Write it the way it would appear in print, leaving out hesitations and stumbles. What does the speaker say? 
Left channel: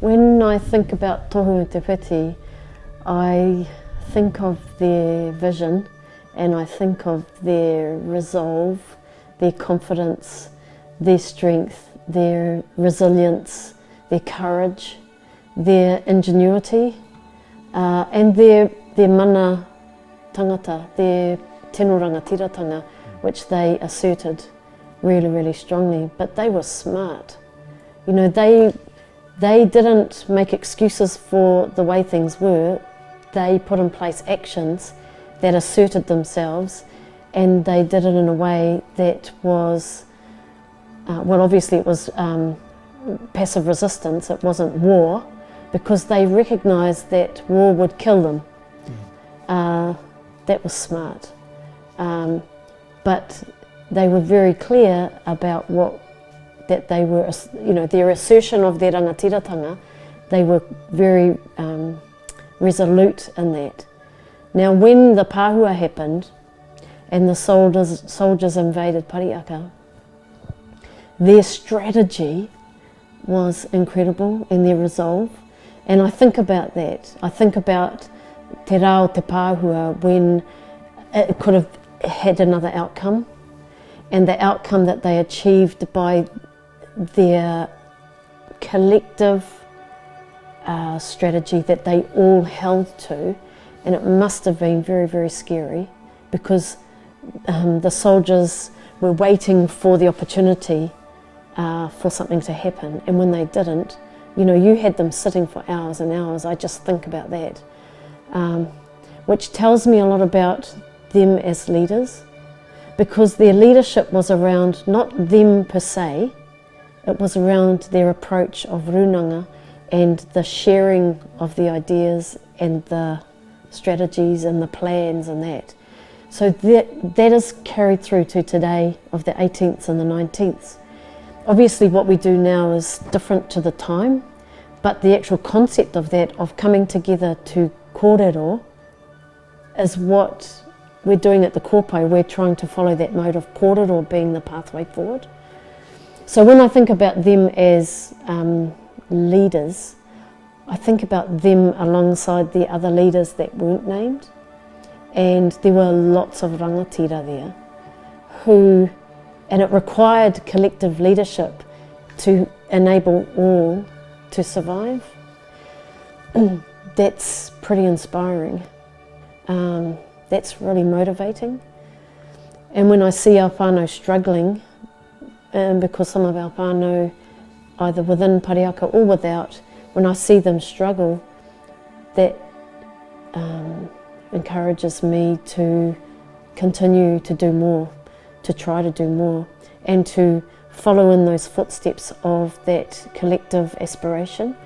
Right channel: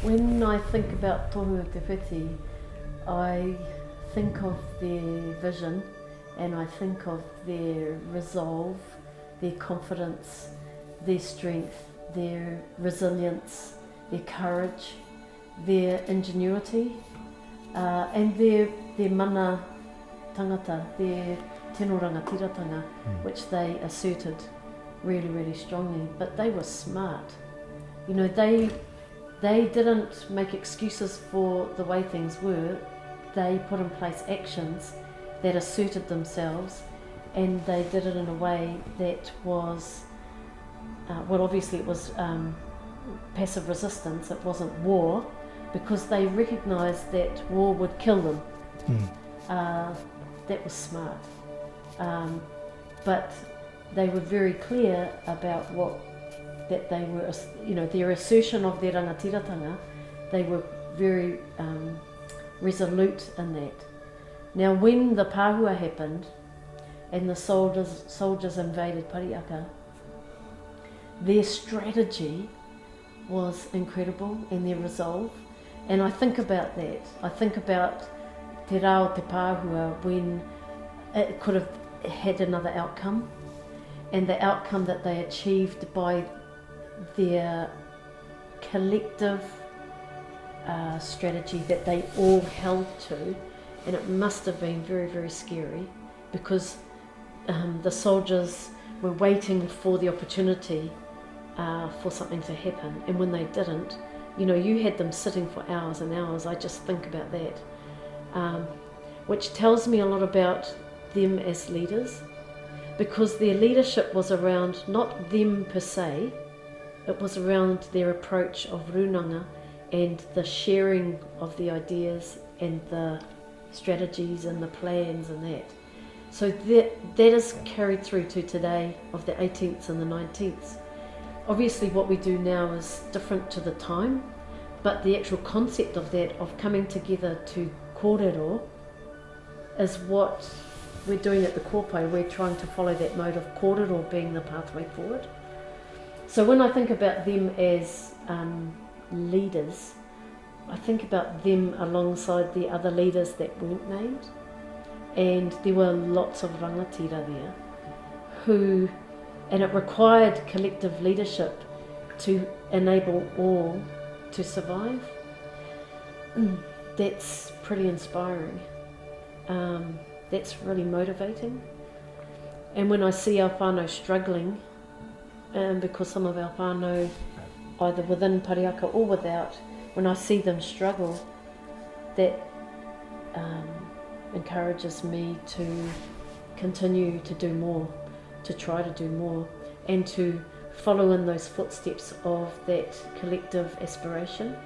When I think about tohu te piti, I think of their vision and I think of their resolve, their confidence, their strength, their resilience, their courage, their ingenuity, and their mana tangata, their tino rangatiratanga, which they asserted really, really strongly. But they were smart. You know, they didn't make excuses for the way things were. They put in place actions that asserted themselves, and they did it in a way that was, well, obviously it was passive resistance, it wasn't war, because they recognised that war would kill them. That was smart. But they were very clear about that they were, you know, their assertion of their rangatiratanga, they were very resolute in that. Now, when the pāhua happened and the soldiers invaded Pariaka, their strategy was incredible and their resolve. And I think about that. I think about te rao te pāhua when it could have had another outcome, and the outcome that they achieved by their collective strategy that they all held to. And it must have been very, very scary, because the soldiers were waiting for the opportunity for something to happen, and when they didn't, you know, you had them sitting for hours and hours. I just think about that, which tells me a lot about them as leaders, because their leadership was around not them per se, it was around their approach of runanga and the sharing of the ideas and the strategies and the plans and that. So that is carried through to today of the 18th and the 19th. Obviously what we do now is different to the time, but the actual concept of that, of coming together to kōrero, is what we're doing at the kōpai. We're trying to follow that mode of kōrero being the pathway forward. So when I think about them as leaders, I think about them alongside the other leaders that weren't named, and there were lots of rangatira there and it required collective leadership to enable all to survive. That's pretty inspiring. That's really motivating. And when I see our whānau struggling, because some of our whānau, either within Pariaka or without, when I see them struggle, that encourages me to continue to do more, to try to do more, and to follow in those footsteps of that collective aspiration.